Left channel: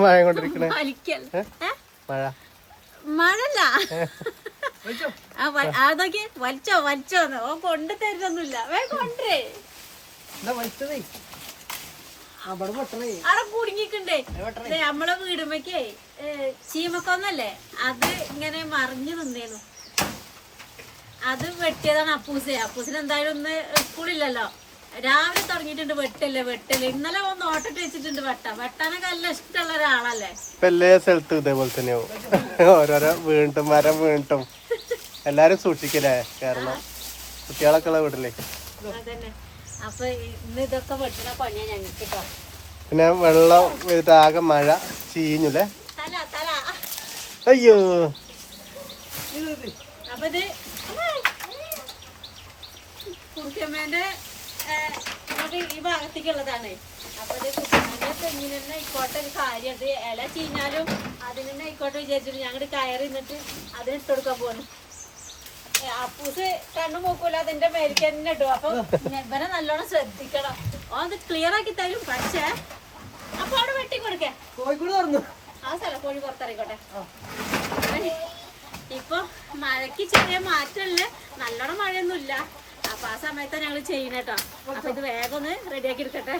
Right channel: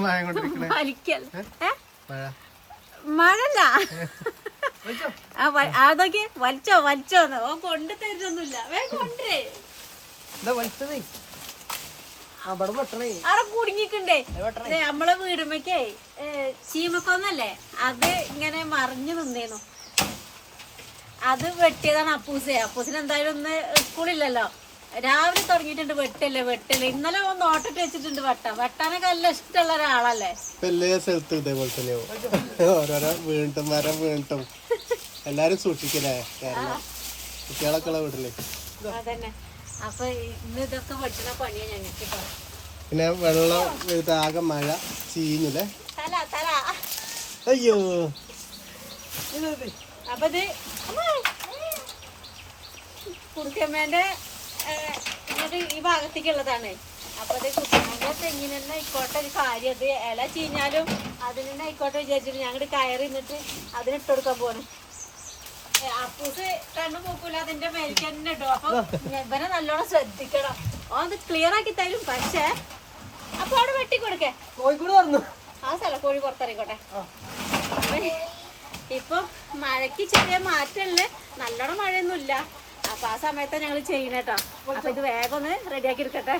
മഴ കൊണ്ടിരിക്കണേ മഴല്ല അതൊക്കെ വലിച്ചോന്ന് ഓ കൊണ്ട് തരുന്നൊന്നുമില്ല കൊണ്ടേ അവിടെ കുടുങ്ങിക്കണ്ടേ നമ്മളെ വീടുമ്പക്കേ ചീമക്കൊന്നല്ലേ അത് ഇങ്ങനെ മറിഞ്ഞു നിന്നേന്നു അത് വെട്ടിയതാണ് അപ്പൂസിന് എന്തായാലും ഒന്ന് സ്കൂളില്ലല്ലോ രാവിലെ തുടങ്ങിയിട്ടുണ്ട് വെട്ടല് ഇന്നലെ ഒന്ന് ഓട്ടിട്ട് വെച്ചിട്ടുണ്ട് വെട്ടാനൊക്കെ നല്ല ഇഷ്ടമുള്ള ഒരാളല്ലേ എല്ലാ സ്ഥലത്തും ഇതേപോലെ തന്നെയാവും ഓരോരോ വീണ്ടും മരം വീണ്ടും എല്ലാരും സൂക്ഷിക്കലേ കാരണം കുട്ടികളൊക്കെ ഉള്ള വീട്ടിലേ അതന്നെ അപ്പൊ ഇന്ന് ഇതൊക്കെ വെട്ടണ പണിയാ ഞങ്ങൾക്ക് പിന്നെ വെള്ളം ആകെ മഴ ചീഞ്ഞല്ലേ അയ്യോ അപ്പൊ ഇത് കുട്ടിയമ്മേന്റെ ഇങ്ങോട്ട് ഈ ഭാഗത്തേക്കുള്ളതാണ് അപ്പൊ അത് കുട്ടിയമ്മേന്റെ തെങ്ങിന് തന്നെ ആയിക്കോട്ടെ ഒരു കാര്യം അത് ഇല ചീഞ്ഞാലും അതിന് തന്നെ ആയിക്കോട്ടെ വിചാരിച്ചിട്ട് ഞങ്ങട് കയറി നിന്നിട്ട് അതിന് ഇട്ട് കൊടുക്കാൻ പോന്നു അപ്പൂസ് കണ്ണു നോക്കൂല അതിന്റെ മേലേക്ക് തന്നെ ഇട്ടു അപ്പൊ ഇവനെ നല്ലോണം ശ്രദ്ധിക്കണം ഓ അത് ക്ലിയർ ആക്കി തരും പക്ഷേ അപ്പൊ അവിടെ വെട്ടിക്കൊടുക്കേ ആ സ്ഥലം കോഴി പുറത്തിറങ്ങിക്കോട്ടെ ഇപ്പൊ മഴക്ക് ചെറിയ മാറ്റമുള്ള നല്ലോണം മഴയൊന്നും ഇല്ല അപ്പൊ ആ സമയത്ത് ഞങ്ങൾ ചെയ്യുന്നേട്ടോ അപ്പൊ ഇത് വേഗം ഒന്ന് റെഡിയാക്കി എടുക്കട്ടെ